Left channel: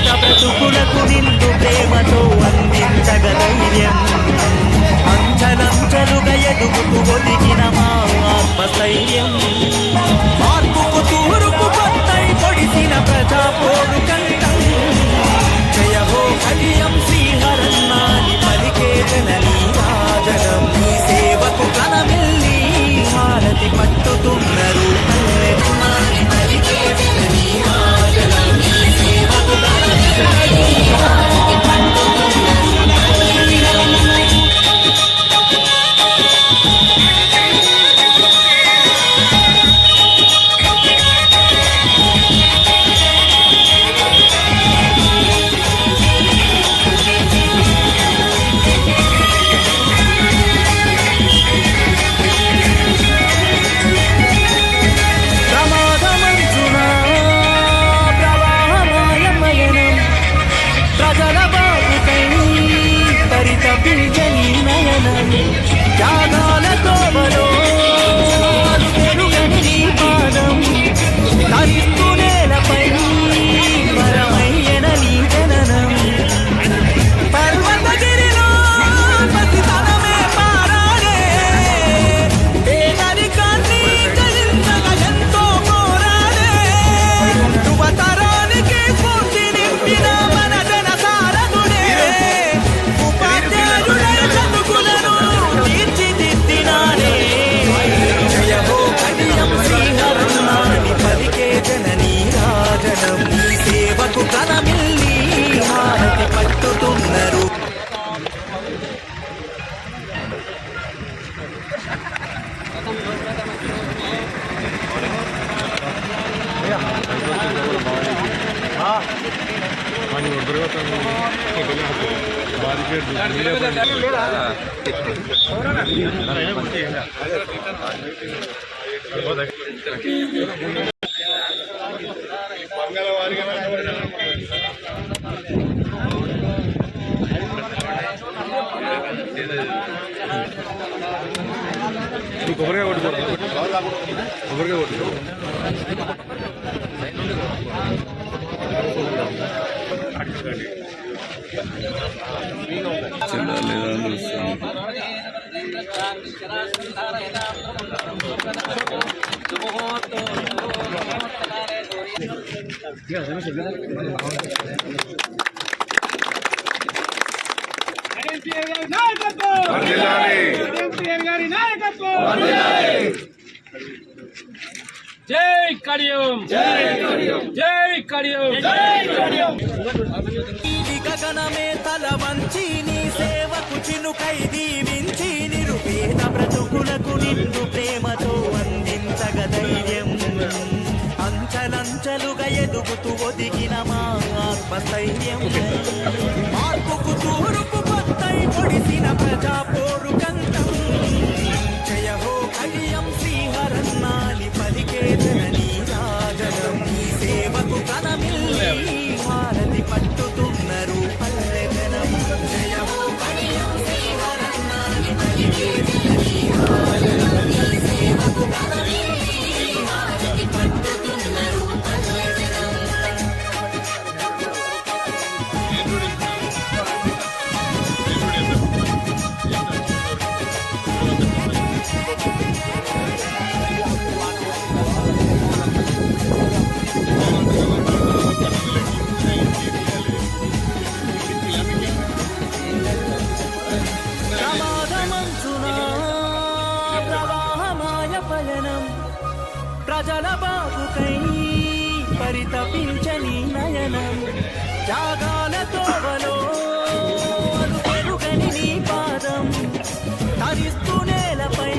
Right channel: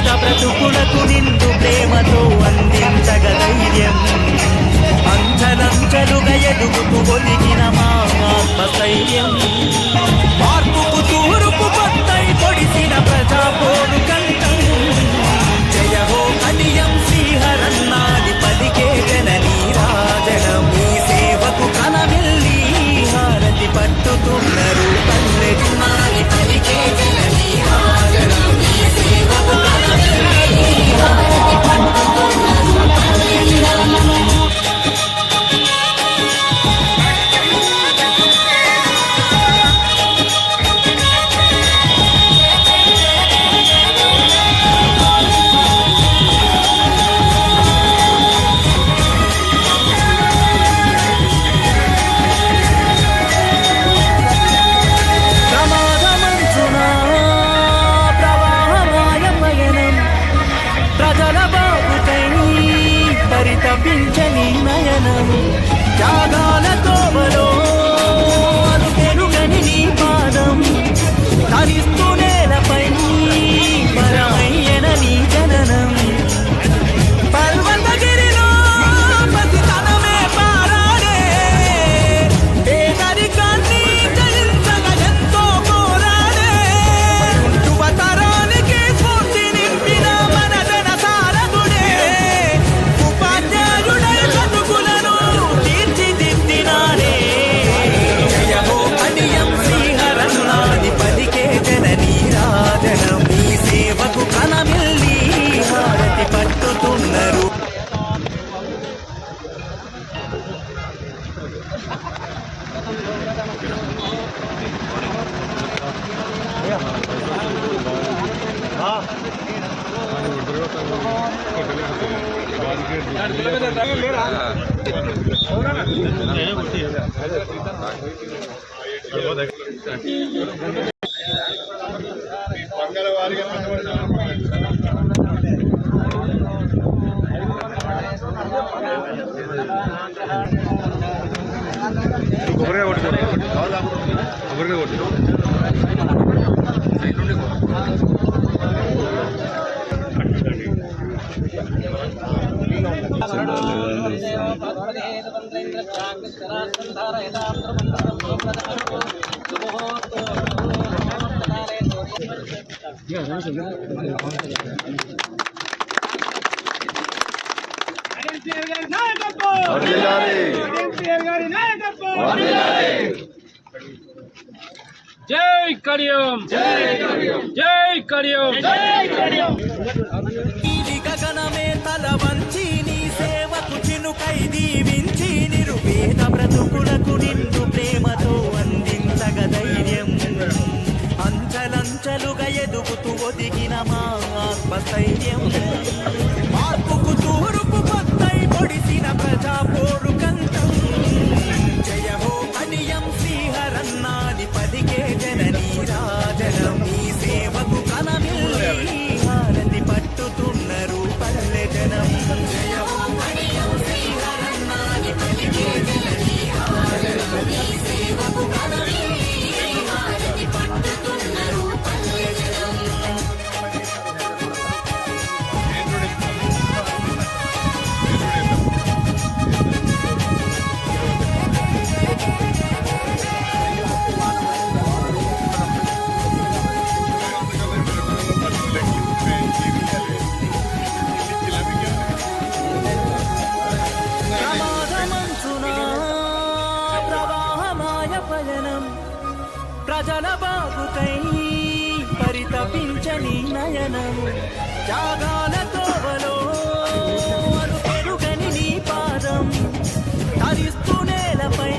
పేద బ్రతుకులకు నిందు ప్రేమతో అందించగ ధైర్యం. అంచలంచలుగా ఎదుగుతూ ఒదిగిన మా ఆత్మస్థైర్యం. మార్పుకు తూరుపు కొత్తై పొడిసిన ప్రజా పోరు కంటే కేసీఆర్ గారి కొట్టుకోండి కేసీఆర్ గారి నాయకత్వం జై కడియం. జై కడియం. జై కడియం. గగనమే తల వంచి నీ సేవకు చినుకై దీవించి నిరుపేద బ్రతుకులకు నిన్ను ప్రేమతో అందించగ ధైర్యం. అంచలంచలుగా ఎదుగుతూ ఒదిగిన మా ఆత్మస్థైర్యం. మార్పుకు తూరుపు కొత్తై పొడిసిన ప్రజా పోరు కంఠం జయ హో హరియం పలికే జననీ రాజనం నీ సేవకు కనమిల్లి తరిస్తూ నేలపై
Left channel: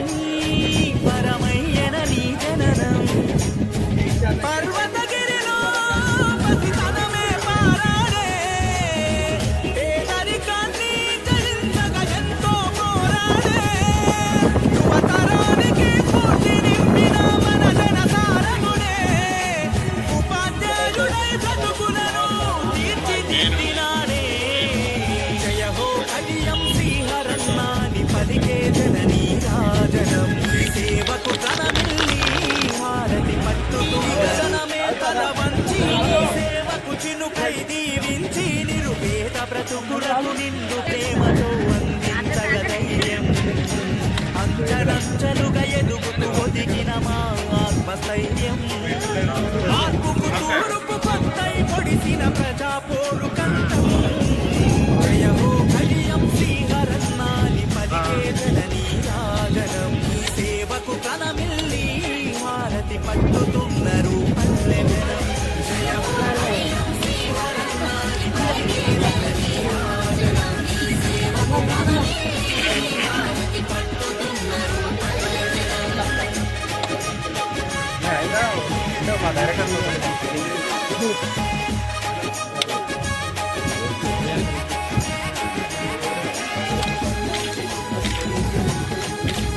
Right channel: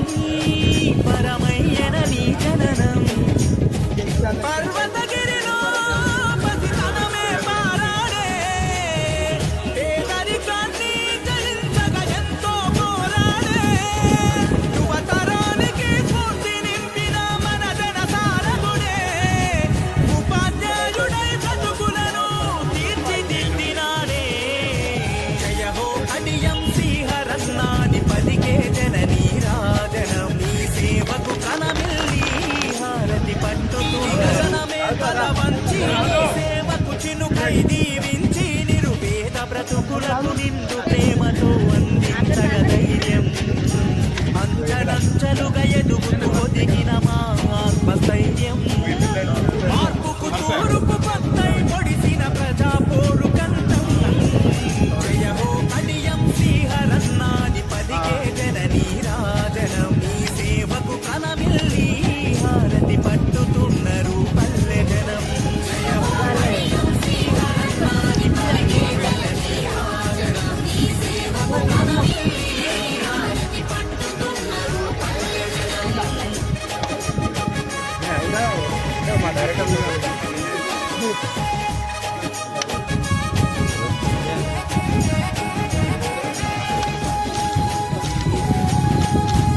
పరమయ్యన నీ జననం. పర్వత చినుకై దీవించి నిరుపేద బ్రతుకులకు నిండు ప్రేమతో అందించగ ధైర్యం. అంచలంచలుగా ఎదుగుతూ ఒదిగిన మా ఆత్మస్థైర్యం. మార్పుకు తూరుపు కొత్తై పొడిసిన ప్రజా పోరు కంఠం. జయమో బలియం శ్రీహరత్నాది పలికే జననీ.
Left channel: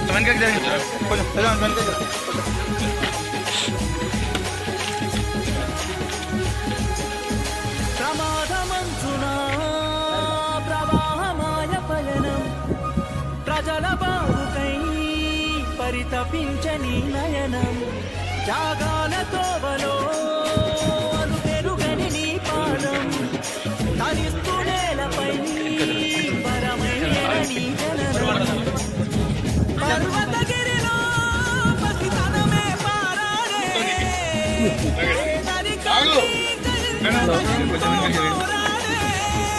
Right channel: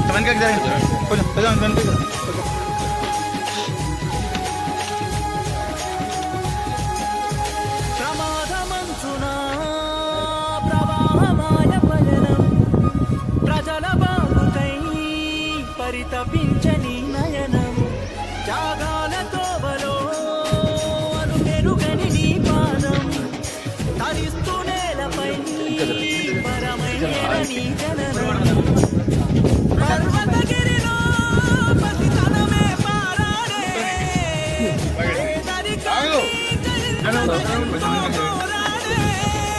వెనకకి జరగండి. కొంచెం కొంచెం ప్రమాదమంచునా ప్రవాహమాయ పయనం ప్రజల బాగుకై పరితపించని నయనం జాగాల తోవలో అను పెరుగని నీ పాదం. తరిస్తూ నేలపై పరమయ్యన నీ జననం. పర్వతగిరిలో పసితనమే పారాడే.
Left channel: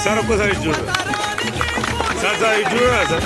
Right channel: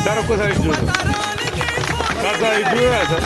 సార్ ఒక్కసారి చూడు. సార్ సార్ ఇది చూడరా సార్.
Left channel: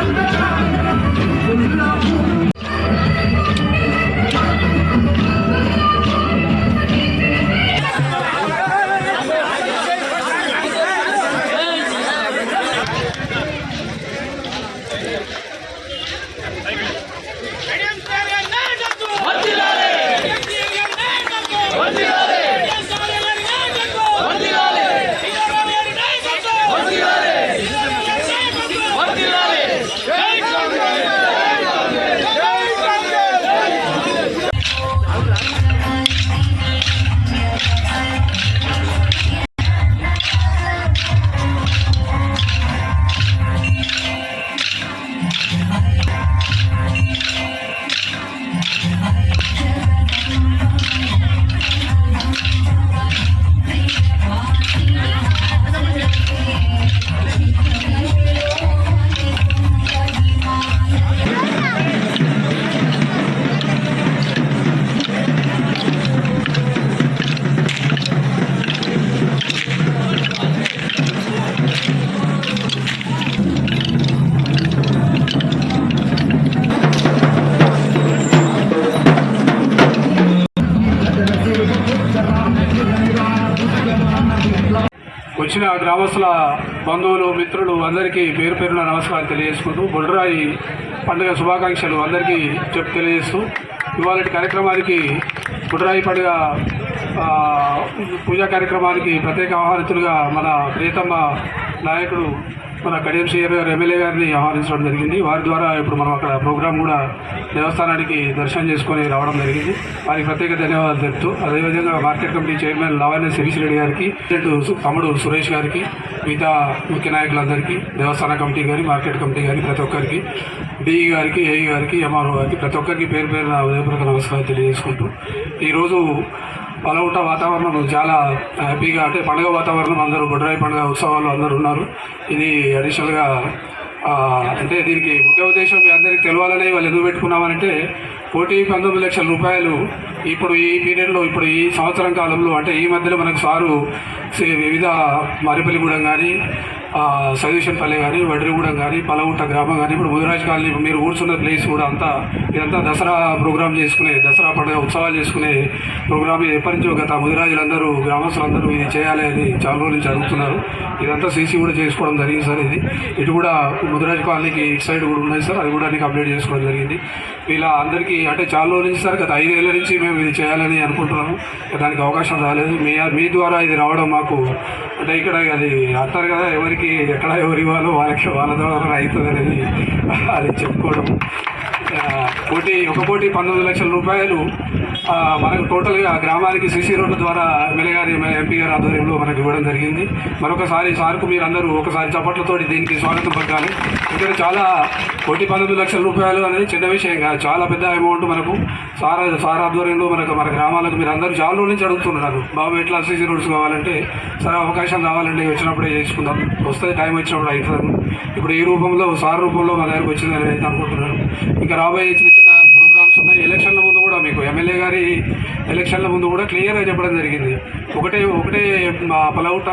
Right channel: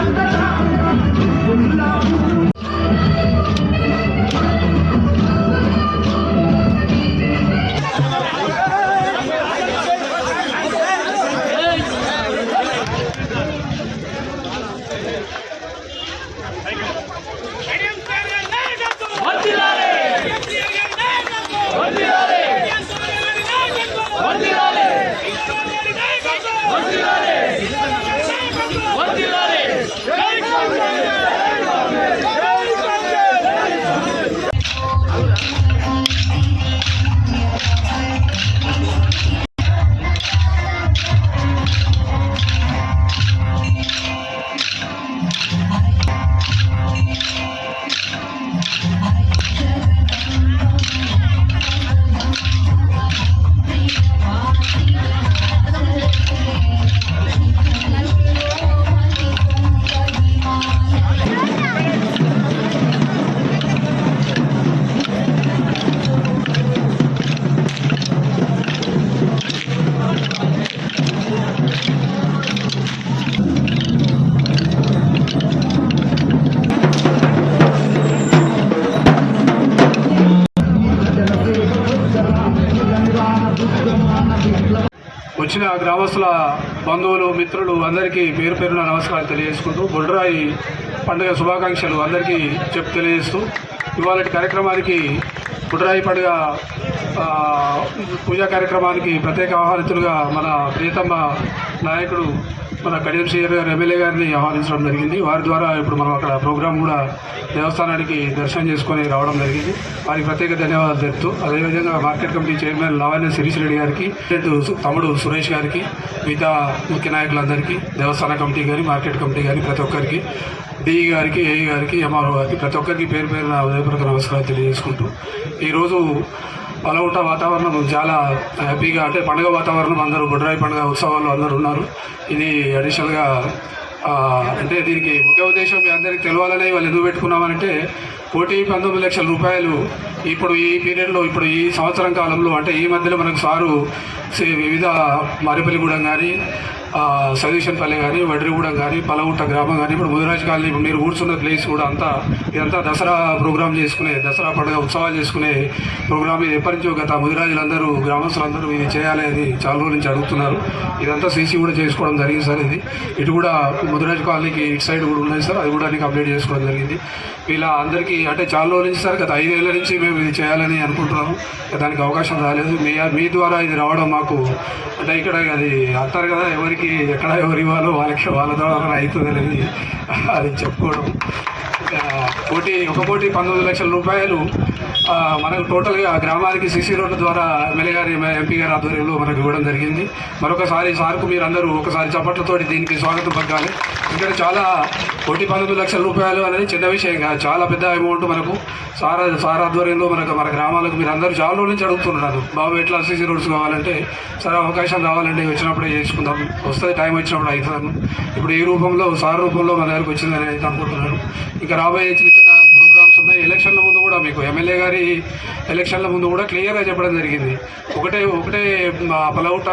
గ్రామస్తుల బంధువులు మిత్రులు అందరికీ పేరు పేరున నమస్కారం తెలియజేసుకుంటూ బొడ్రాయి పండుగ శుభాకాంక్షలు అందరికీ చెప్పు తెలియజేస్తూ ఇవాళ కార్యక్రమానికి బుడ్రాయి పండుగ పూజా కార్యక్రమానికి ప్రత్యేక ఆహ్వానితులుగా మన ప్రియతమ నాయకుడు మన కడియం గారు ఎమ్మెల్యే గారిని ఆహ్వానించడం జరిగింది. వారి ద్వారా ఇప్పుడు మనం అక్కడ ప్రోగ్రాం కూడా దేవస్థానానికి దర్శనం చేసుకొని రావడం జరిగింది. వారికి ప్రత్యేక ధన్యవాదాలు తెలుపుతూ అదేవిధంగా market committee chairman Lavanya Shirish Reddy గారికి తమ్ముడు సురేష్ గారికి మిగతా ముఖ్య నాయకులందరికీ దేవస్థాన కమిటీ కానీ మార్కెట్ కమిటీ కానీ ప్రతి ఒక్కరికి డిఈ గారికి ఏఈ గారికి ఎంఆర్ఓ గారికి ప్రతి ఒక్కరికి పేరు పేరున ఉదయపూర్వక నమస్కారాలు తెలియజేసుకుంటూ ఈరోజు పలవుట వాతావరణం చాలా హ్యాపీగా అంటే పండుగ వాతావరణం అందరూ బొడ్రాయి పండుగ ఉత్సవాలు అందరూ ఉన్నారు. ఇది అడిషనల్గా అంటే దీనికి ముఖ్య ఉద్దేశం మీ అందరికీ తెలవాలని వాళ్ళు ఎందుకు పెట్టుకున్నామంటే కోటి పంతొమ్మిది లక్షల రూపాయలు ఇప్పుడు ఈ పీరియడ్లో ఇప్పుడు ఈ సంవత్సరం కాలంలో అంటే ఈ మధ్యలో మనకు సారు వివిధ మరిపల్లిగూడెం కానీ సజీషన్పల్లె కానీ వడ్రిగూడెం కానీ పలగుట్ట గ్రామం కానీ ఇప్పుడు ముదిరాజ్ కాలనీ ఇప్పుడు మీరు కూర్చున్న ప్లేస్ కూడా అంతా ఇదంతా దసరా ప్రోగ్రామ్ చేసుకునే దసరా పండుగ ఉత్సవాలు చేసుకునే ప్రోగ్రామ్ ఇది. ఎప్పటి నుంచో గత ముదిరాజులందరూ గ్రామస్తులందరూ ఇది చేయాలి అని చాలా రోజుల నుంచి అడుగుతున్నారు. ఇదంతా సీసీ కూడా చేసుకోవడం జరిగింది సార్ ఇది. ఇటు కూడా ముదిరాజ్ కాలనీకి ఇటు సైడ్ కూడా ఉన్నాయి సార్. అది కూడా నీకు అప్డేట్ చేసుకోవడం జరిగింది. ఇలా అందరికీ అంటే చాలా రోజుల నుంచి సార్ గత ఐదేళ్ళ నుంచి మేము ఇది చేయాలని అనుకుంటున్నాము. దానికి అవకాశం రాలేదు. మీ మీ ద్వారా ఇది రావడం మాకు అంటే ఇక్కడ అది అంటారు కదా ఎవరికి ఎక్కడ ఎవరు ఇవ్వాలో వాళ్ళకి వాళ్ళ ద్వారా అవుతుంది అనేది అది చెప్పుకోవడం. ఆ, కోటి ఒక కోటి పంతొమ్మిది లక్షల రూపాయలు మనకు టోటల్గా గ్రామానికి సిసి రోడ్ల ద్వారా ఎమ్మెల్యే గారి ఎంపీ గారి ఆధ్వర్యంలో మనకు ఇవ్వడం జరిగింది. మరొకసారి సార్కు మీరు అందరూ ఒకసారి చప్పట్లతోటి దీనికి స్వాగతం పలకాలి. ఇక్కడ చాలా కోటి పంతొమ్మిది లక్షల రూపాయలు అనేది చిన్న విషయం కాదు. చాలా పెద్ద అమౌంట్ మనకు సార్ సార్ ఆధ్వర్యంలో మనకు మన గ్రామాలకు మీరు అందరూ చాలా రోజుల నుంచి అడుగుతున్నారు. బాబు ఎట్లా సీసీ రోడ్స్ కావాలంటే సరే అవకాశం రావాలంటే వచ్చినప్పుడే చేసుకుందాం. వస్తే టైం వచ్చినప్పుడు అవుతుంది. ఇప్పుడు ఈ రూపంలో సార్ రూపంలో మన దగ్గరకు వచ్చిందని అనుకుంటున్నాను. ఇంకా రాబోయే చిన్న చిన్న ప్రోగ్రామ్స్ ఉన్నాయి ఎలక్షన్ల ముందు కూడా మీకు ఎమ్మెల్యే గారి ఎలక్షన్ల ముందు కూడా క్లియర్గా చెప్పడం జరిగింది. ఒకటే ఒకటే పలవుట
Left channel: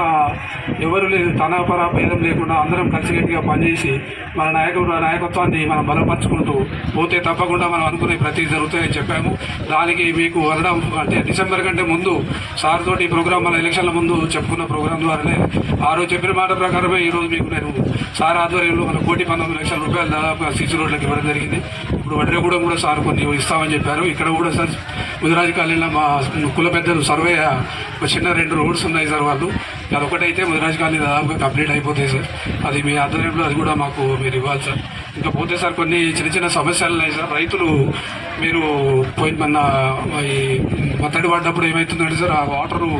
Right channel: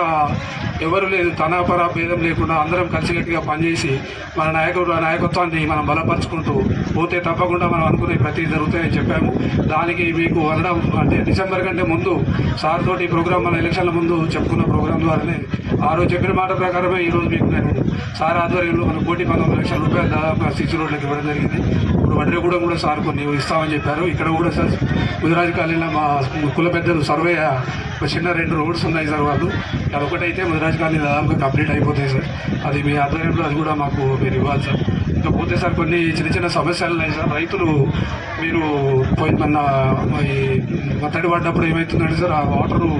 ఎవరు లేదు తన భేదం లేకుండా అందరం కలిసికట్టుగా పనిచేసి మన నాయకుడు నాయకత్వాన్ని మనం బలపరుచుకుంటూ పోతే తప్పకుండా మనం అనుకునే ప్రతి జరుగుతాయని చెప్పాము. దానికి మీకు అనడం అంటే డిసెంబర్ కంటే ముందు సార్ తోటి ప్రోగ్రామ్ మన ఎలక్షన్ల ముందు చెప్పుకున్న ప్రోగ్రామ్ ద్వారానే ఆ రోజు చెప్పిన మాట ప్రకారమే ఈరోజు మీకు నేను సార్ ఆధ్వర్యంలో మన కోటి పంతొమ్మిది లక్షల రూపాయలు దాదాపు సిక్స్ రోడ్లకు ఇవ్వడం జరిగింది. ఇప్పుడు వడ్రేగూడెం కూడా సార్ కొన్ని ఇస్తామని చెప్పారు. ఇక్కడ కూడా సార్ ముదిరాజు కాలనీలో మా కుల పెద్దలు సర్వే ఒక చిన్న రెండు రోడ్స్ ఉన్నాయి సార్ వాళ్ళు. అది ఒకటైతే ముదిరాజు కాలనీ దాదాపుగా కంప్లీట్ అయిపోతాయి సార్. అది మీ ఆధ్వర్యంలో అది కూడా మాకు మీరు ఇవ్వాలి సార్. ఇంకా పోతే సార్ కొన్ని చిన్న చిన్న సమస్యలు ఉన్నాయి సార్. రైతులు మీరు పోయిన మన ఈ మత్తడి పడ్డప్పుడు ఏమవుతుందంటే సార్ ఆ వాటరు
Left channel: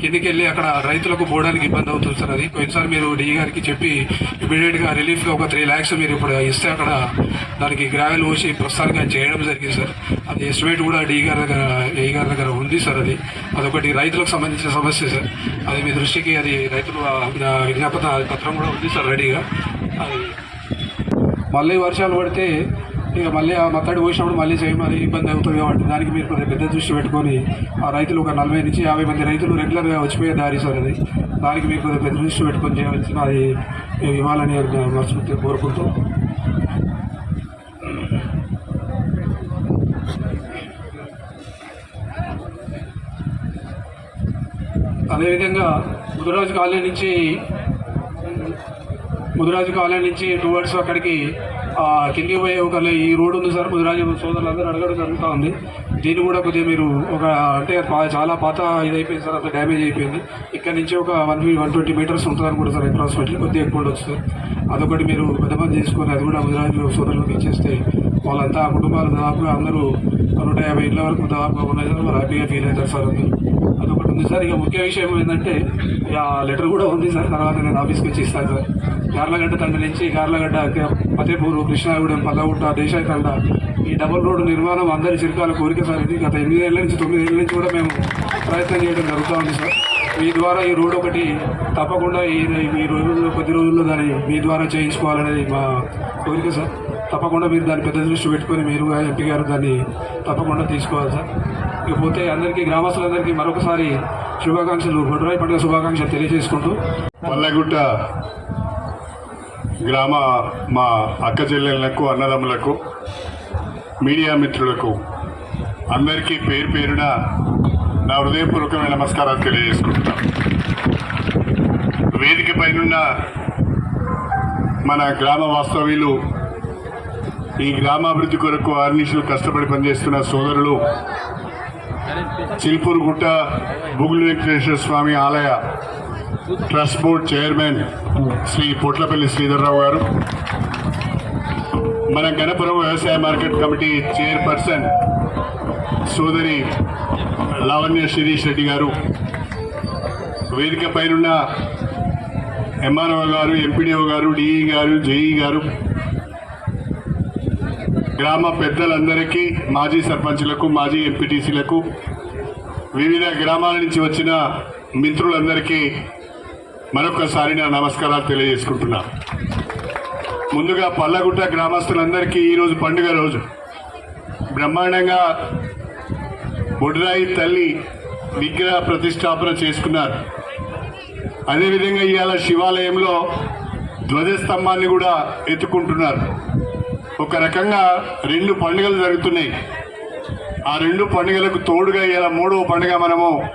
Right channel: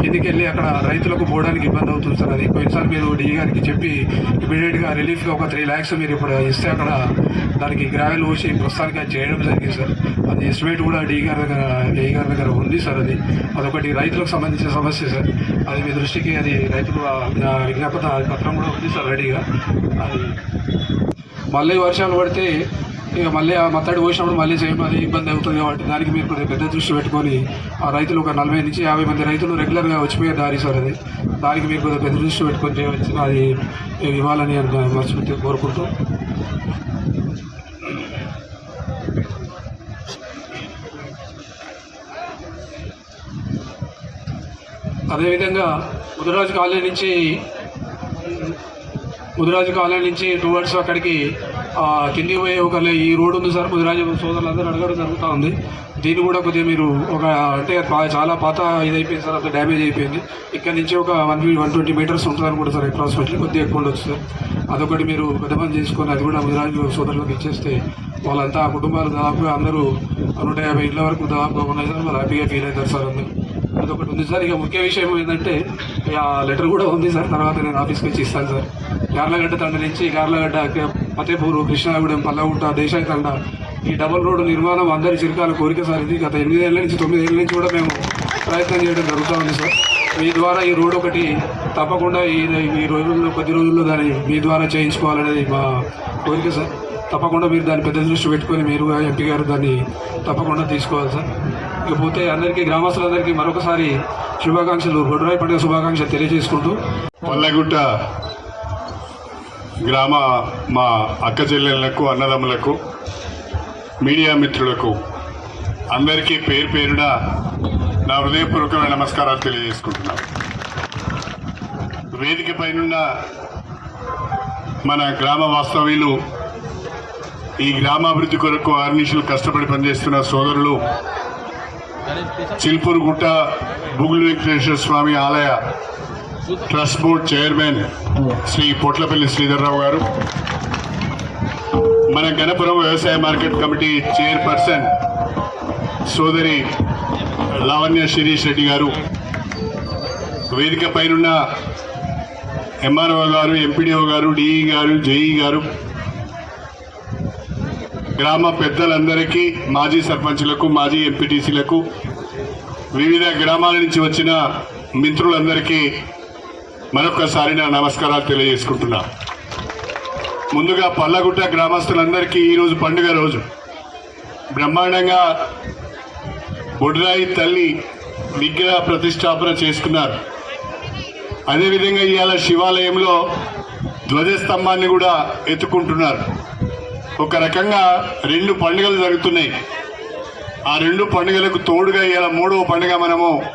కిందికి వెళ్ళి అక్కడ రైతులకు పోవడానికి ఇబ్బంది అవుతుంది సార్. అది పోయినసారి మీరు డీ గారికి చెప్పి ఇమీడియట్గా రిలీఫ్గా ఒక త్రీ ల్యాక్స్ మీరు ఇప్పుడు ఇస్తే అక్కడ దానికి గ్రావెల్ పోసి ప్రస్తుతానికి అది చేయడం జరిగింది సార్. అది ఎస్టిమేట్ కూడా డీ గారి దగ్గర ఏ గారి దగ్గర ఉంది సార్ అది. అదొకటి రైతులకు సంబంధించిన సమస్య సార్. అది మీ దృష్టికి అది రైతులు విజ్ఞాపన పత్రం కూడా ఉంది సార్ రెడీగా. అది మళ్ళీ వర్షాలు పడితే ఇక మళ్ళీ ఆ మత్తడి పోసినప్పుడు మళ్ళీ సేమ్ అది ఇబ్బంది అవుతుంది కాబట్టి దానికి మీరు కొద్దిగా పెద్ద దృష్టి పెట్టుకొని ఆ రైతులు ఒక నలభై నుంచి యాభై మంది రైతులు రెగ్యులర్గా వచ్చిపోయే దారి సార్ అది. దానికి మీరు కొద్దిగా పెద్ద దృష్టి పెట్టుకొని చేయవలసిన అది ఇవ్వాలని మనస్ఫూర్తిగా కోరుకుంటూ. అదేవిధంగా ముదిరాజు కాలనీ నుంచి ముదిరాజు కాలనీ నుంచి టువర్డ్స్ అక్కడికి ఆ, కిందికి పోయే ఒక ఈ రోడ్ ఉంది సార్ ముదిరాజు సోదరులందరూ అడగడం జరుగుతూ ఉంది. దీన్ని కూడా కొద్దిగా మీరు ఒక అంటే చాలా పాత ఇది అయిపోయింది సార్ అంత డ్యామేజ్ అయిపోయింది. ఇక్కడ నుంచి ఒక వన్ వన్ ట్వంటీ మీటర్స్ ఉంటుంది అనుకుంటా సార్ అప్రాక్సిమేట్లీ కొద్దిగా ఎక్కువ ఉండొచ్చు సార్. అదొకటి మీరు పెద్ద పని చేసుకొని అది కూడా ముదిరాజు సోదరులకు ఇచ్చేస్తే వాళ్ళంతా ఆ కుటుంబాలు దాదాపుగా అందరూ నూట యాభై ఇంట్ల వరకు దాదాపుగా ఉన్నాయి సార్ వాళ్ళు హ్యాపీగా ఫీల్ అవుతారు సార్ అందరూ. అదొకటి ఉంది సార్. ఇక ముఖ్య విషయం ఏంటంటే ఆ లెటర్ కూడా ఉంది సార్ తర్వాత నేను ఆఫీస్కి వచ్చి ఇస్తాను సార్. గార్లగడ్డ తండ నుంచి గార్లగడ్డ ఫతేపూర్ కృష్ణాగూడెం పల్లగుట్ట దేశాయి ఈ డబుల్ రోడ్డు నిర్మాణం అందరి చిరకాల కోరిక సార్ ఇది గత ఎనిమిదేళ్ళ నుంచి తొమ్మిదేళ్ళ నుంచి కూడా మేము ప్రయత్నం చేయడం జరుగుతూ ఉంది సార్. మీ ద్వారా ఈ రోడ్ ఒకటి తప్పకుండా ఈ ఈ రోజుల్లో కొద్ది రోజుల్లో దాన్ని మీ ద్వారా చేయించుకోవాలనేది మా కోరిక సార్. తప్పకుండా మీరు దాన్ని పెద్ద దృష్టి పెట్టుకొని మీరు ఎంపీ గారు దాన్ని తప్పకుండా తీసుకోవాలి సార్. ఇకపోతే అందరికీ గ్రామస్తులందరికీ మరొకసారి శుభాకాంక్షలు. రొడ్రాయి పండుగ శుభాకాంక్షలు తెలియజేసుకుంటూ పల్లెగుట్ట గ్రామ మా అక్క చెల్లెళ్ళకు అన్నదమ్ములకు మీడియా మిత్రులకు అందరికీ పేరు పేరున నా హృదయపూర్వకమైన నమస్కారాలు తెలియజేసుకుంటున్నాను వేదిక పైనున్న మన గ్రామ వాస్తవ్యులు ఈ గ్రామాభివృద్ధి కొరకు ఆర్నిషులు కష్టపడి పనిచేస్తున్న సోదరులు చిల్పూరుగుట్ట బుగులు వెంకటేశ్వర స్వామి ఆలయ trust board chairman Shri Potlapalli Sridharrao గారు. మన గణపురం వ్యవసాయ మార్కెట్ కమిటీ చైర్పర్సన్ సోదరి లావణ్య శిరీష్ రెడ్డి గారు. వేదిక పైనున్న ఎంఆర్ఓ గారు ఎంపీడీఓ గారు డిఈ గారు జేఈ గారు గ్రామ పెద్దలందరికీ మాజీ సర్పంచ్లకు మాజీ ఎంపీటీసీలకు వివిధ గ్రామాల నుంచి వచ్చిన మిత్రులందరికీ మరొకసారి నా నమస్కారాలు తెలియజేసుకుంటున్నా. ముందుగా పల్లగుట్ట గ్రామస్తులందరికీ ఈరోజు పండుగ రోజు. బ్రహ్మాండంగా బుడ్రాయి తల్లి విగ్రహ ప్రతిష్టాపన చేసుకున్నారు. అదేవిధంగా ఇవాళ శివాలయంలో ధ్వజస్తంభాన్ని కూడా ఎత్తుకుంటున్నారు. ఒక రకంగా రెండు పండుగలు జరుగుతున్నాయి. ఆ రెండు పండుగలకు తోడుగా ఇలా మూడవ పండుగ మనము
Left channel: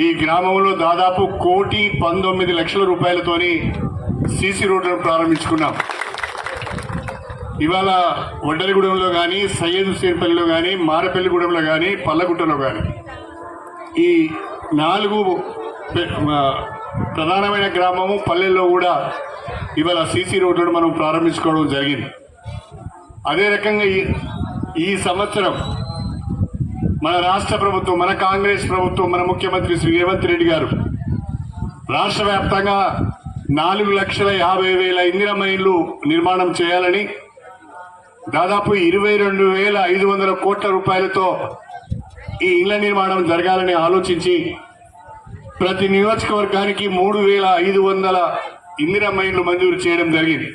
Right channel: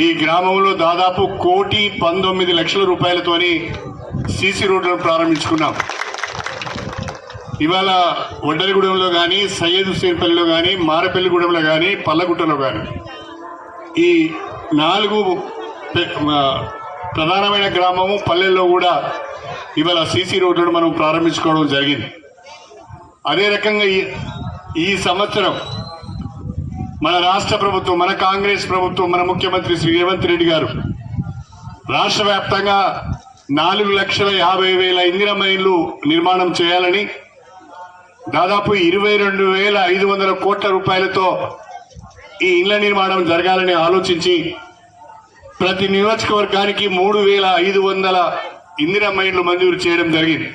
ఈ గ్రామంలో దాదాపు కోటి పంతొమ్మిది లక్షల రూపాయలతోని సీసీ రోడ్లను ప్రారంభించుకున్నాం. ఇవాళ వడ్డరిగూడెంలో కానీ సయ్యద్ హుసేన్పల్లిలో కానీ మారపల్లిగూడెంలో కానీ పల్లగుట్టలో కానీ ఈ నాలుగు ప్రధానమైన గ్రామము పల్లెల్లో కూడా ఇవాళ సీసీ రోడ్లను మనం ప్రారంభించుకోవడం జరిగింది. అదే రకంగా ఈ ఈ సంవత్సరం మన రాష్ట్ర ప్రభుత్వం మన కాంగ్రెస్ ప్రభుత్వం మన ముఖ్యమంత్రి శ్రీ రేవంత్ రెడ్డి గారు రాష్ట్ర వ్యాప్తంగా నాలుగు లక్షల యాభై వేల ఇందిరమ్మ ఇళ్ళు నిర్మాణం చేయాలని దాదాపు ఇరవై రెండు వేల ఐదు వందల కోట్ల రూపాయలతో ఈ ఇళ్ళ నిర్మాణం జరగాలని ఆలోచించి ప్రతి నియోజకవర్గానికి మూడు వేల ఐదు వందల ఇందిరమ్మ ఇళ్ళు మంజూరు చేయడం జరిగింది.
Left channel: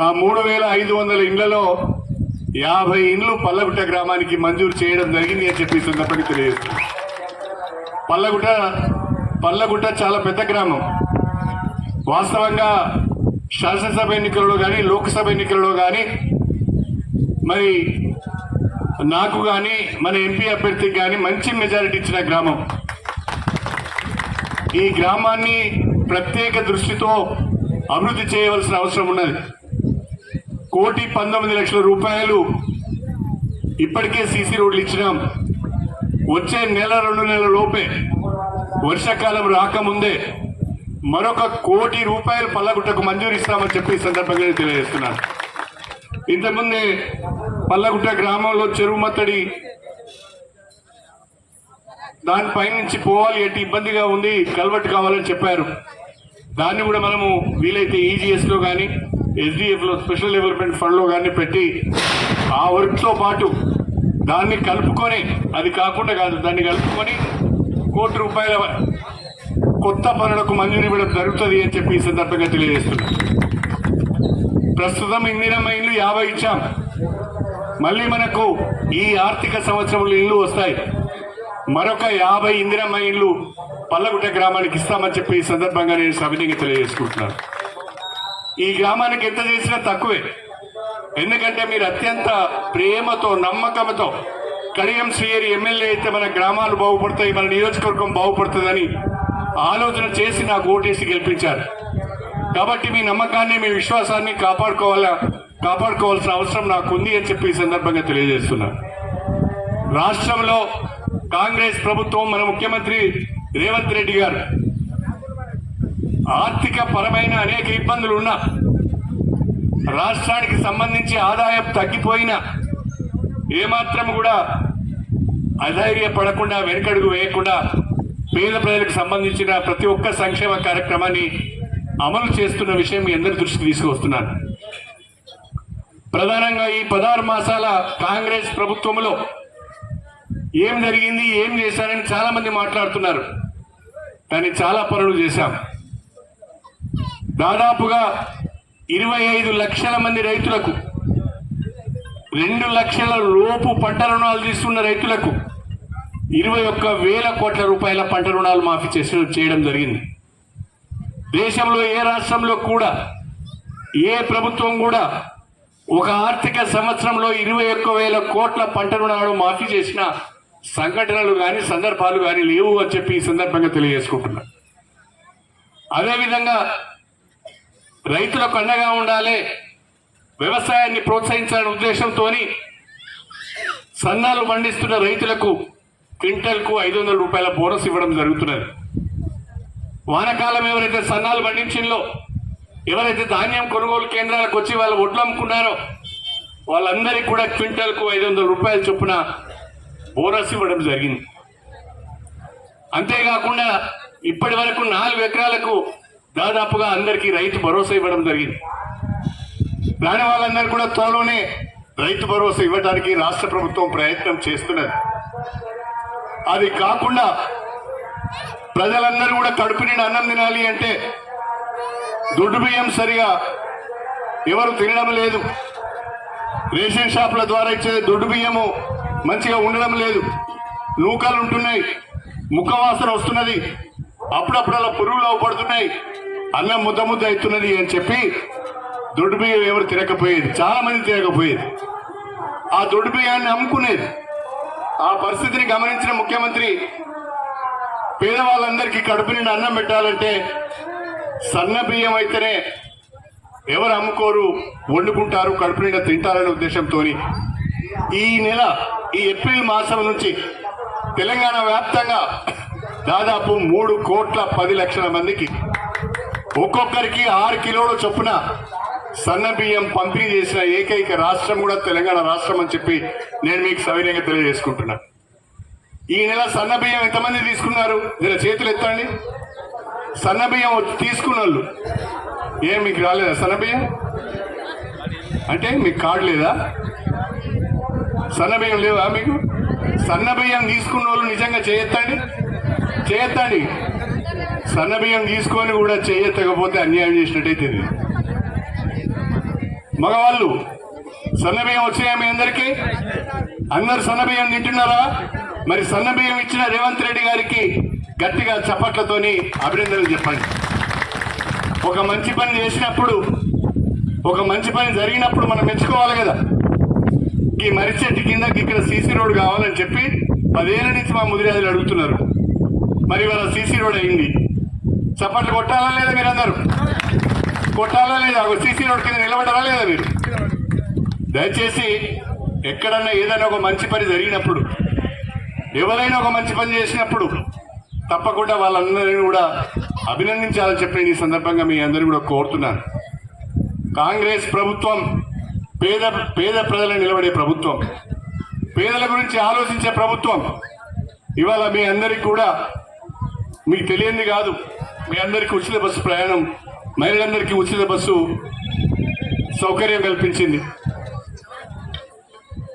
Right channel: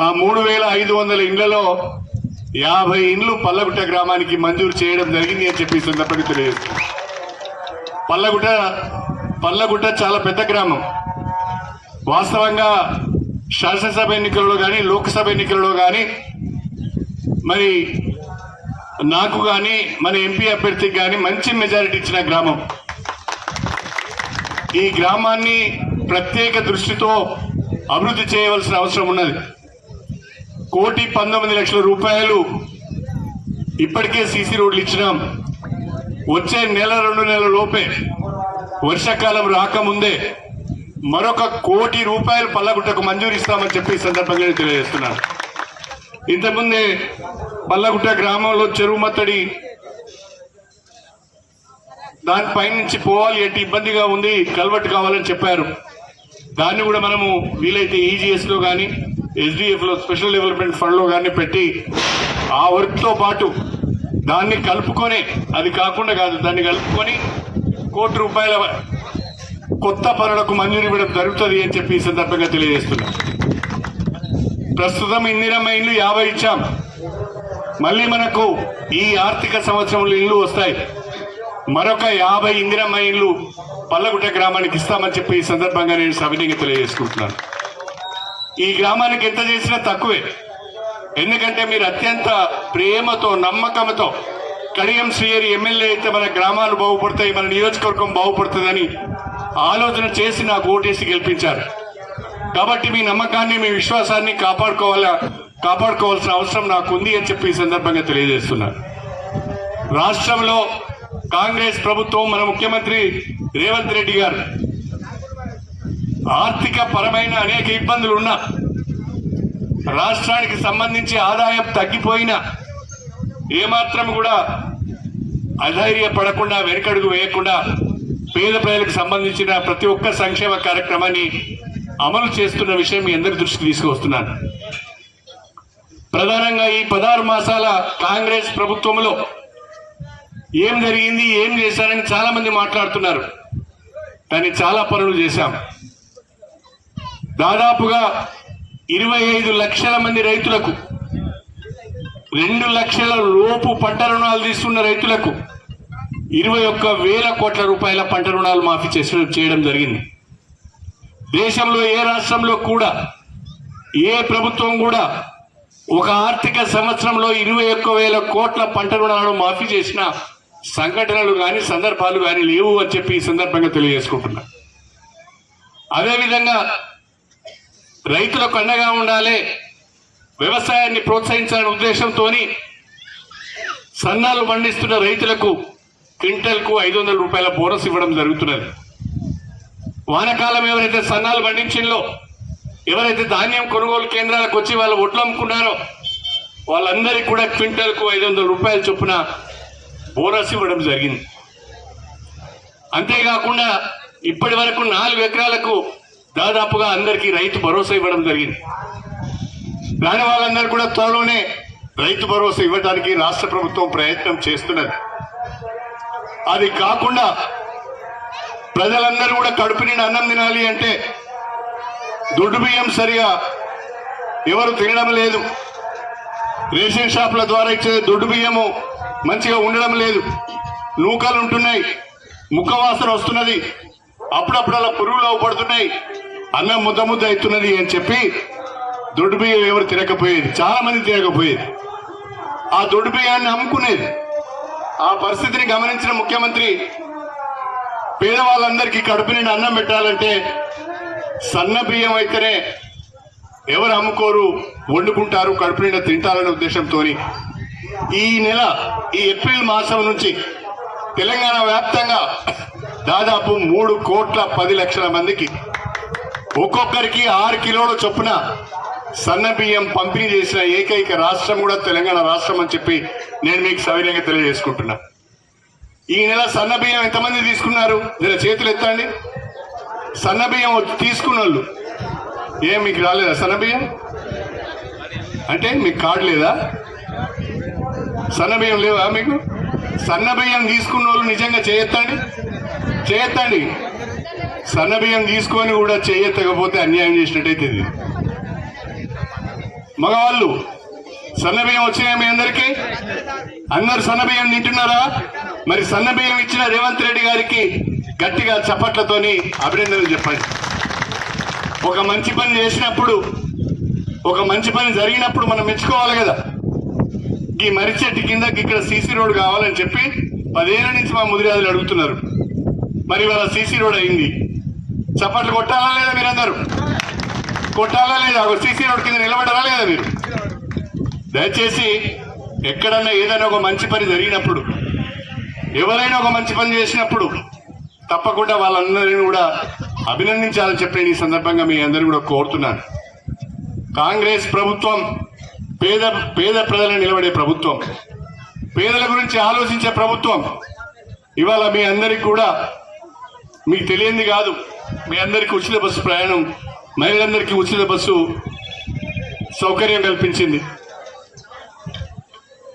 ఆ మూడు వేల ఐదు వందల ఇండ్లలో యాభై ఇండ్లు పల్లగుట్ట గ్రామానికి మంజూరు చేయడం జరిగింది అని చెప్పి సందర్భంగా తెలియజేస్తుంది పల్లగుట్ట పల్లగుట్ట చాలా పెద్ద గ్రామం. వాస్తవంగా శాసనసభ ఎన్నికల్లో కానీ లోక్సభ ఎన్నికలలో కానీ మరి నాకు కానీ మన ఎంపీ అభ్యర్థికి కానీ మంచి మెజారిటీ ఇచ్చిన గ్రామం. ఈ గ్రామాన్ని ప్రత్యేక దృష్టితో అభివృద్ధి చేయవలసిన అవసరం ఉన్నది. కోటి పంతొమ్మిది లక్షల రూపాయలు ఇప్పటికే సీసీ రోడ్లు ఇచ్చినాం. వచ్చే నెల రెండు నెలల లోపే వర్షాకాలం రాకముందే మరొక కోటి రూపాయలు పల్లగుట్టకు మంజూరు ఇస్తామని చెప్పి సందర్భంగా తెలియజేస్తున్నాను. ఇంతకుముందే పల్లగుట్ట గ్రామంలో చెరువు మత్తడి దానిపై నుంచి పోవాలి అంటే ఇబ్బందిగా ఉంది కల్వర్ట్ కావాలని చెప్పారు. దాన్ని కూడా మనము వీలైతే ఈజీఎస్లో కానీ ఎస్డిఎఫ్లో స్పెషల్ డెవలప్మెంట్ ఫండ్లో కానీ పెట్టి ఆ వర్క్తో పాటు దాన్ని కలుపుకొని అది కాకుండా కాదు దాన్ని కలుపుకొని కోటి రూపాయల కొత్త పనులకు మంజూరు ఇవ్వడం జరుగుతుంది అని చెప్పి ఈ సందర్భంగా తెలియజేస్తున్నా. ప్రస్తుతం ఇందిరమ్మ ఇల్లు యాభై ఇచ్చాం. మళ్ళీ మనకు ఈ ఆర్థిక సంవత్సరంలో ఇల్లు వస్తాయి. మరొక యాభై ఇందిరమ్మ ఇల్లు పల్లగుట్ట గ్రామానికి ఇస్తామని చెప్పి ఈ సందర్భంగా నేను సవినీయంగా తెలియజేసుకుంటున్నాను. ఈ గ్రామానికి ఎంత చేసినా తక్కువే. ఎందుకంటే మీరు అత్యంత ప్రేమతో నమ్మకంతో కడియం శ్రీయరి ఎమ్మెల్యే అయితే మన గ్రామాలు బాగుపడతాయి మన నియోజకవర్గం బాగుపడుతుందని ఆలోచన చేసి నాకు ఓటేసి గెలిపించారు. కాబట్టి మీ నమ్మకాన్ని మీ విశ్వాసాన్ని కాపాడుకోవాలా కాపాడుకోవాల్సిన అవసరం నాకు ఉంది అని చెప్పి ఈ సందర్భంగా తెలియజేస్తున్నారు రాష్ట్రంలో కాంగ్రెస్ ప్రభుత్వం మన ముఖ్యమంత్రి రేవంత్ రెడ్డి గారు ఆర్థిక పరమైన అనేక ఇబ్బందులు ఉన్నా రాష్ట్రానికి సంబంధించి ఆదాయం తగ్గిపోయినా ఏమాత్రం కూడా అధైర్యపడకుండా వెనుకడుగు వేయకుండా పేద ప్రజలకు సంబంధించిన ప్రతి ఒక్క సంక్షేమ కార్యక్రమాన్ని అమలు చేస్తున్న విషయం మీ అందరి దృష్టికి తీసుకువస్తున్నాను. ప్రధానంగా ఈ పదహారు మాసాల కాంగ్రెస్ ప్రభుత్వంలో ఏం జరిగింది ఏం చేశారని చాలా మంది మాట్లాడుతున్నారు. కానీ చాలా పనులు చేశాం. దాదాపుగా ఇరవై ఐదు లక్షల మంది రైతులకు రెండు లక్షల లోపు పంట రుణాలు తీసుకున్న రైతులకు ఇరవై ఒక్క వేల కోట్ల రూపాయల పంట రుణాలు మాఫీ చేసి చేయడం జరిగింది. దేశంలో ఏ రాష్ట్రంలో కూడా ఏ ప్రభుత్వం కూడా ఒక ఆర్థిక సంవత్సరంలో ఇరవై ఒక్క వేల కోట్ల పంట రుణాలను మాఫీ చేసిన సంఘటనలు కానీ సందర్భాలు కానీ లేవు అని చెప్పి ఈ సందర్భంగా తెలియజేసుకుంటున్నా. అదేవిధంగా రైతులకు అండగా ఉండాలి. వ్యవసాయాన్ని ప్రోత్సహించాలనే ఉద్దేశంతో సన్నాలు పండిస్తున్న రైతులకు క్వింటల్కు ఐదు వందల రూపాయల బోనస్ ఇవ్వడం జరుగుతున్నది. వానకాలం ఎవరైతే సన్నాలు పండించిందో ఎవరైతే ధాన్యం కొనుగోలు కేంద్రాలకు వచ్చి వాళ్ళు ఒడ్లు అమ్ముకున్నారో వాళ్ళందరికీ కూడా క్వింటల్కు ఐదు వందల రూపాయల చొప్పున బోనస్ ఇవ్వడం జరిగింది. అంతేకాకుండా ఇప్పటి వరకు నాలుగు ఎకరాలకు దాదాపుగా అందరికీ రైతు భరోసా ఇవ్వడం జరిగింది. దాని వాళ్ళందరూ కూడా త్వరలోనే రైతు భరోసా ఇవ్వడానికి రాష్ట్ర ప్రభుత్వం ప్రయత్నం చేస్తున్నది. అది కాకుండా ప్రజలందరూ కూడా కడుపు నిండి అన్నం తినాలి అంటే దొడ్డు బియ్యం సరిగా ఎవరు తినడం లేదు. రేషన్ షాపుల ద్వారా ఇచ్చే దొడ్డు బియ్యము మంచిగా ఉండడం లేదు. నూకలు ఉంటున్నాయి ముఖవాసన వస్తున్నది. అప్పుడప్పుడు అలా పురుగులు అవపడుతున్నాయి. అన్నం ముద్ద ముద్ద అవుతున్నది అని చెప్పి దొడ్డు బియ్యం ఎవరు తినకపోయేది చాలా మంది తినకపోయేది. ఆ దొడ్డు బియ్యాన్ని అమ్ముకునేది. ఆ పరిస్థితిని గమనించిన ముఖ్యమంత్రి పేదవాళ్ళందరికీ కడుపు నిండి అన్నం పెట్టాలంటే సన్న బియ్యం అయితేనే ఎవరు అమ్ముకోరు వండుకుంటారు కడుపు నిండా తింటారనే ఉద్దేశంతో ఈ నెల ఈ ఏప్రిల్ మాసం నుంచి తెలంగాణ వ్యాప్తంగా దాదాపు మూడు కోట్ల పది లక్షల మందికి ఒక్కొక్కరికి ఆరు కిలోల చొప్పున సన్న బియ్యం పంపిణీ చేసిన ఏకైక రాష్ట్రం కూడా తెలంగాణ రాష్ట్రం అని చెప్పి నేను మీకు సవినయంగా తెలియజేసుకుంటున్నా. ఈ నెల సన్న బియ్యం ఎంతమంది తీసుకున్నారు? నేను చేతులు ఎత్తండి. సన్న బియ్యం తీసుకున్న వాళ్ళు ఏం మీకు రాలేదా సన్న బియ్యం? అంటే మీకు కార్డు లేదా? సన్న బియ్యం లేవా మీకు? సన్న బియ్యం తీసుకున్న వాళ్ళు నిజంగా చేయొత్తండి చేయొత్తండి సన్నబియ్యం తీసుకొని కూడా చేయెత్తకపోతే అన్యాయం చేసినట్టయితే ఇది. మగవాళ్ళు సన్నబియ్యం వచ్చినాయా మీ అందరికీ? అందరు సన్నబియ్యం తింటున్నారా? మరి సన్నబియ్యం ఇచ్చిన రేవంత్ రెడ్డి గారికి గట్టిగా చప్పట్లతోని అభినందనలు చెప్పండి. ఒక మంచి పని చేసినప్పుడు ఒక మంచి పని జరిగినప్పుడు మనం మెచ్చుకోవాలి కదా. ఈ మర్రి చెట్టు కింద ఇక్కడ సీసీ రోడ్ కావాలని చెప్పి పదేళ్ళ నుంచి మా ముదిరాజులు అడుగుతున్నారు. మరి ఇవాళ సీసీ రోడ్ అయింది. చప్పట్లు కొట్టాలా లేదా మీరందరూ? కొట్టాలా లేదా? సీసీ రోడ్ కింద నిలబడాలా లేదా మీరు? దయచేసి ఎక్కడన్నా ఏదైనా ఒక మంచి పని జరిగినప్పుడు ఎవరైనా ఒక మంచి పని చేసినప్పుడు తప్పకుండా వాళ్ళందరినీ కూడా అభినందించాలని చెప్పి ఈ సందర్భంగా మీ అందరూ కూడా కోరుతున్నాను. కాంగ్రెస్ ప్రభుత్వం పేద పేద ప్రజలను నిలబడే ప్రభుత్వం పేదల గురించి ఆలోచించే ప్రభుత్వం ఇవాళ మీ అందరికి కూడా మీకు తెలియంది కాదు. మీ అందరికీ ఉచిత బస్సు ప్రయాణం మహిళలందరికీ ఉచిత బస్సు సౌకర్యం కల్పించింది.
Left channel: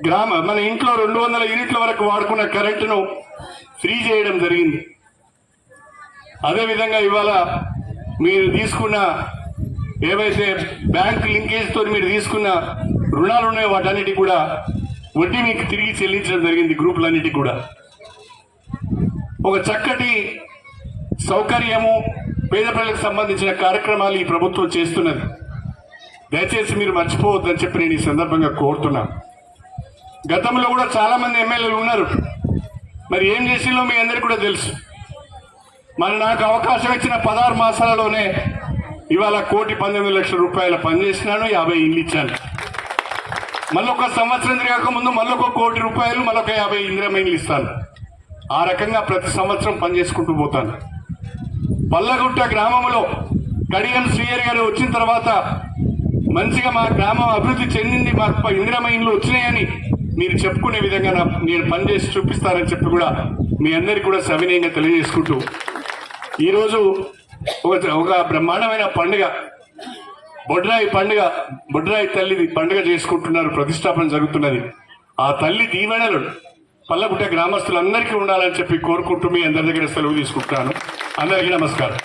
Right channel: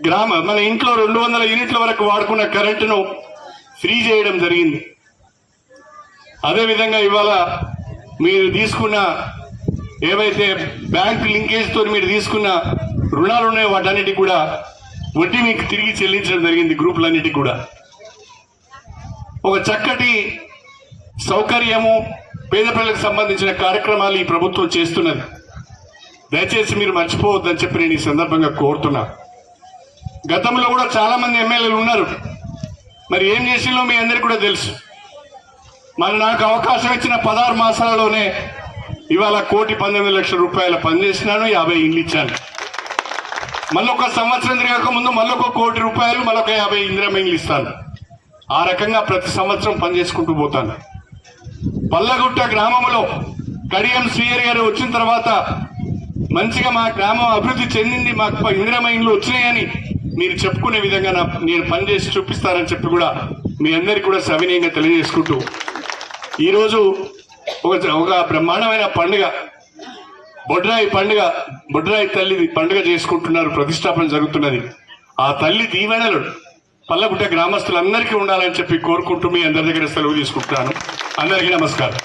గ్రామ మన ఇంట్లో రెండు వందల యూనిట్ల వరకు వాడుకున్న కరెంటును ఫ్రీ చేయడం జరిగింది. అదేవిధంగా ఇవాళ మీరు తీసుకున్న ఏవైతే బ్యాంక్ లింకేజ్తో మీరు తీసుకున్న రుణాలు ఉన్నాయో వాటన్నిటి కూడా వడ్డీ మీకు తిరిగి చెల్లించడం జరిగింది గ్రూపులన్నిటికీ కూడా. ఒక చక్కటి సౌకర్యము పేద ప్రజలకు సంబంధించిన కార్యక్రమాలు ఈ ప్రభుత్వం చేస్తున్నది. దయచేసి మీరు మర్చిపోవద్దని చెప్పి నేను ఈ సందర్భంగా కోరుతున్నా. గతంలో కూడా చాలామంది ఎమ్మెల్యేలు ఉన్నారు. మరి ఏం చేసిందో మీ అందరికీ కూడా తెలుసు. మరి నాకు అవకాశం ఇచ్చిన పదహారు మాసాలలోనే ఇవాళ కోటి పంతొమ్మిది లక్షల రూపాయల పనిచేసినాను యాభై ఇండ్లు ఇచ్చాను. మళ్ళొక సంవత్సరం తిరగక ముందు మళ్ళీ కోటి రూపాయలు మళ్ళొక యాభై ఇందిరమ్మ ఇస్తాను. ఆ రకంగా ప్రతి సంవత్సరం పని చేసుకుంటూ పోతాను. పల్లగుట్ట గ్రామంలో కడియం శ్రీయర్ గారు వచ్చిన తర్వాత మంచిగా మా గ్రామం అభివృద్ధి చెందింది మాకు ఇందిరమ్మ ఇండ్లు వచ్చినాయని మీరు చెప్పుకునే విధంగా నా నేను పనిచేసి చూపిస్తారని చెప్పి కూడా మీ అందరికీ కూడా సవినయంగా తెలియజేసుకుంటూ ఈరోజు ఒక ఒక బ్రహ్మాండమైన పండుగ బొడ్రాయి పండుగ బొడ్రాయి తల్లిది పండుగ చేసుకుంటున్నారు ప్రతిష్టాపన జరుగుతున్నది. ఆ తల్లి దీవెనలు పల్లగుట్ట గ్రామస్తులందరికీ ఉండాలని చెప్పి కోరుకుంటూ మీ అందరి దగ్గర సెలవు తీసుకుంటాను అందరికీ నమస్కారం.